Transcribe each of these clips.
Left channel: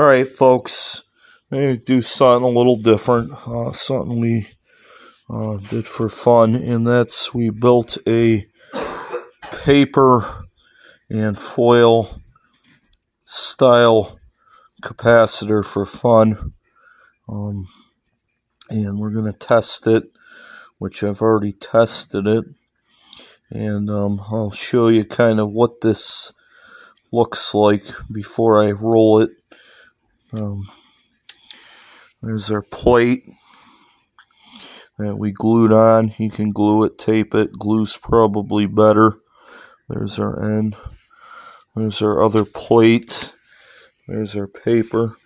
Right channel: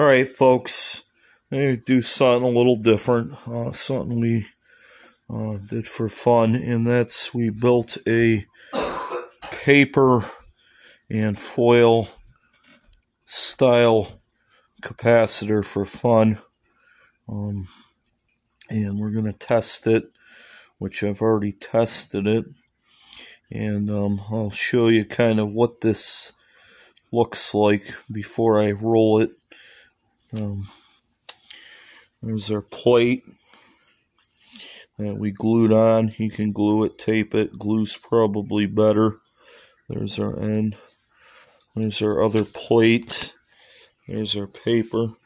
Alright, folks, I'm going to do something a little different, something we did for fun, and that's we built a paper and foil style capacitor for fun, and we're going to test it, which I've already tested it, and I'll show you kind of what this looks like before I roll it. There's our plate that we glued on. You can glue it, tape it. Glue's probably better. There's our end. There's our other plate. There's our paper.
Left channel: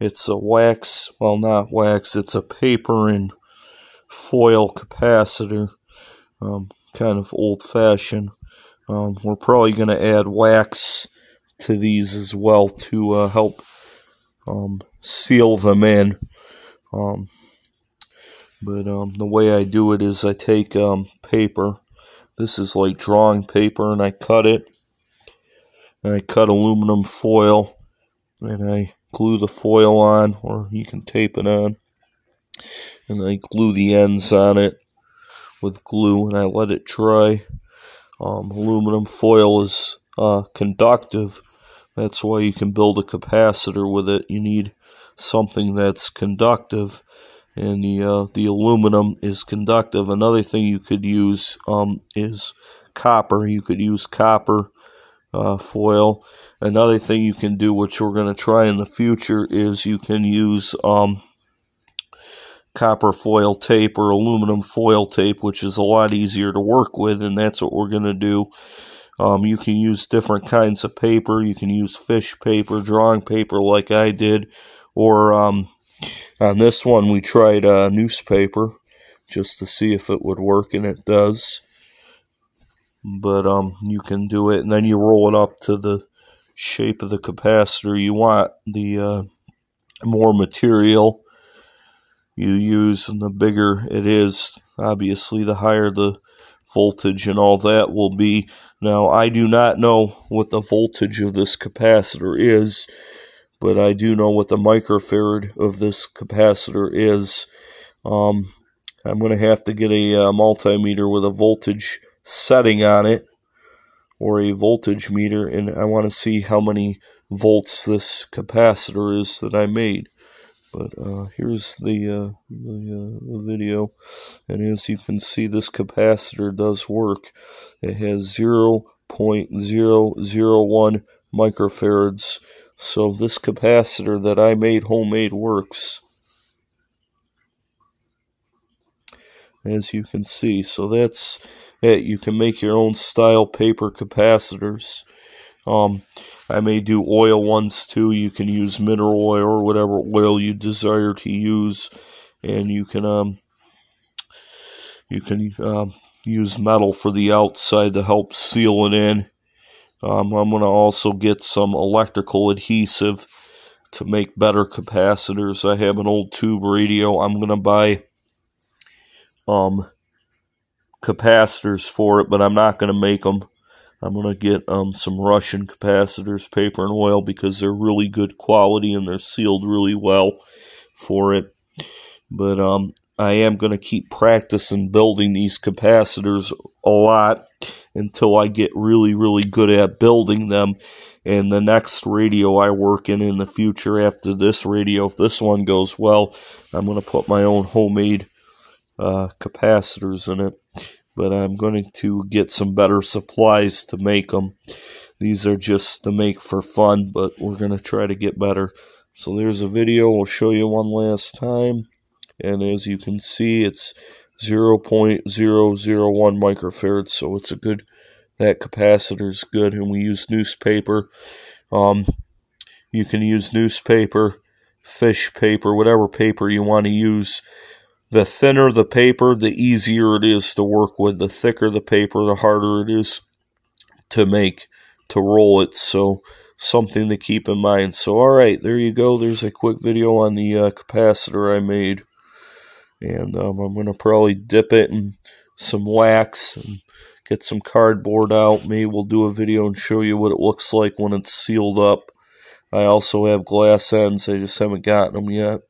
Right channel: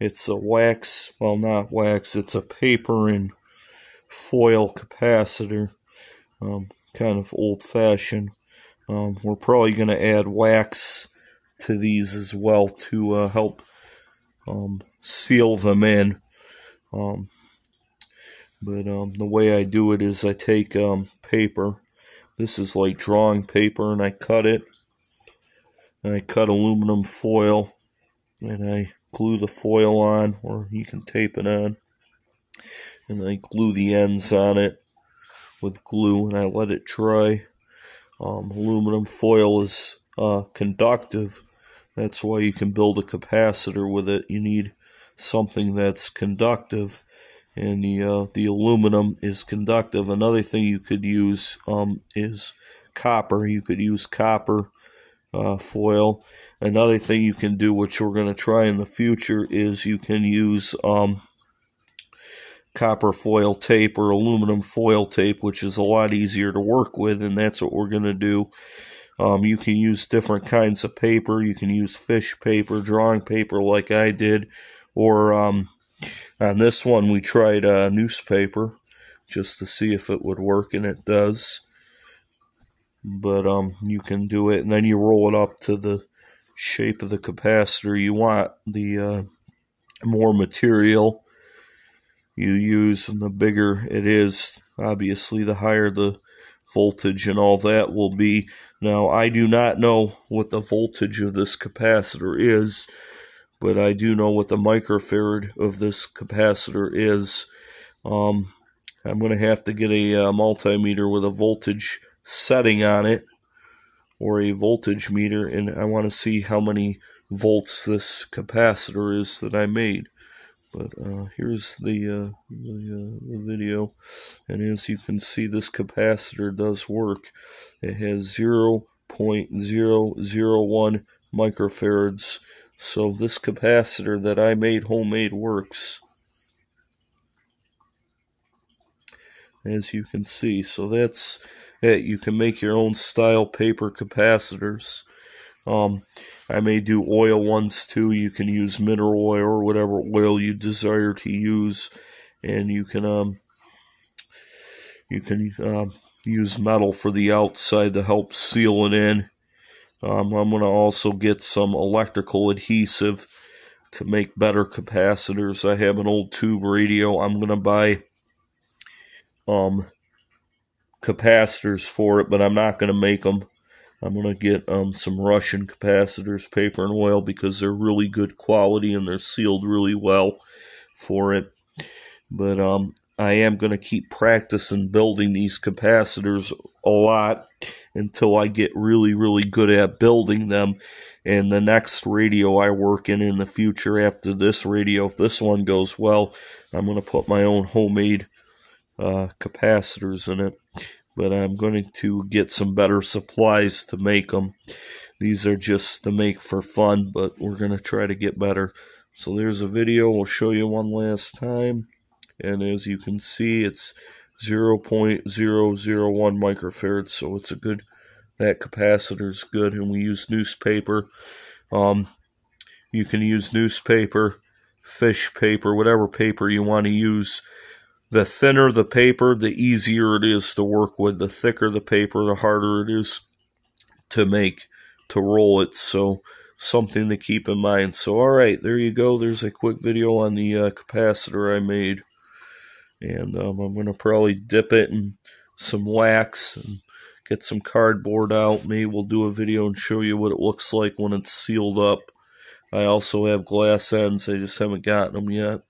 It's a wax, well, not wax, it's a paper and foil capacitor, kind of old-fashioned. We're probably going to add wax to these as well to help seal them in. But the way I do it is I take paper. This is like drawing paper, and I cut it. And I cut aluminum foil, and I glue the foil on, or you can tape it on. And I glue the ends on it with glue, and I let it dry. Aluminum foil is conductive. That's why you can build a capacitor with it. You need something that's conductive, and the aluminum is conductive. Another thing you could use is copper. You could use copper foil. Another thing you can do, which we're going to try in the future, is you can use copper foil tape or aluminum foil tape, which is a lot easier to work with, and that's what we're going to do. You can use different kinds of paper. You can use fish paper, drawing paper like I did, or on this one we tried newspaper just to see if it would work, and it does. But you can do it, and then you roll it up to the shape of the capacitor you want. The more material you use and the bigger it is, obviously the higher the voltage and all that will be. Now, I do not know what the voltage of this capacitor is, but I do know what the microfarad of this capacitor is. I'm going to have to get a multimeter with a voltage setting on it, or a voltage meter, and I want to see how many volts this capacitor is that I made. But here's the video, and as you can see, this capacitor does work. It has 0.001 microfarads, so this capacitor that I made homemade works, as you can see. So that's it. You can make your own style paper capacitors. I may do oil ones too. You can use mineral oil or whatever oil you desire to use, and you can use metal for the outside to help seal it in. I'm going to also get some electrical adhesive to make better capacitors. I have an old tube radio. I'm going to buy capacitors for it, but I'm not going to make them. I'm going to get some Russian capacitors, paper and oil, because they're really good quality and they're sealed really well for it. But I am going to keep practicing building these capacitors a lot until I get really, really good at building them. And the next radio I work in the future after this radio, if this one goes well, I'm going to put my own homemade capacitors in it. But I'm going to get some better supplies to make them. These are just to make for fun, but we're going to try to get better. So there's a video. We'll show you one last time. And as you can see, it's 0.001 microfarads, so it's a good, that capacitor is good. And we use newspaper. You can use newspaper, fish paper, whatever paper you want to use. The thinner the paper, the easier it is to work with. The thicker the paper, the harder it is to roll it. So something to keep in mind. So alright, there you go. There's a quick video on the capacitor I made. And I'm going to probably dip it in some wax and get some cardboard out. Maybe we'll do a video and show you what it looks like when it's sealed up. I also have glass ends. I just haven't gotten them yet.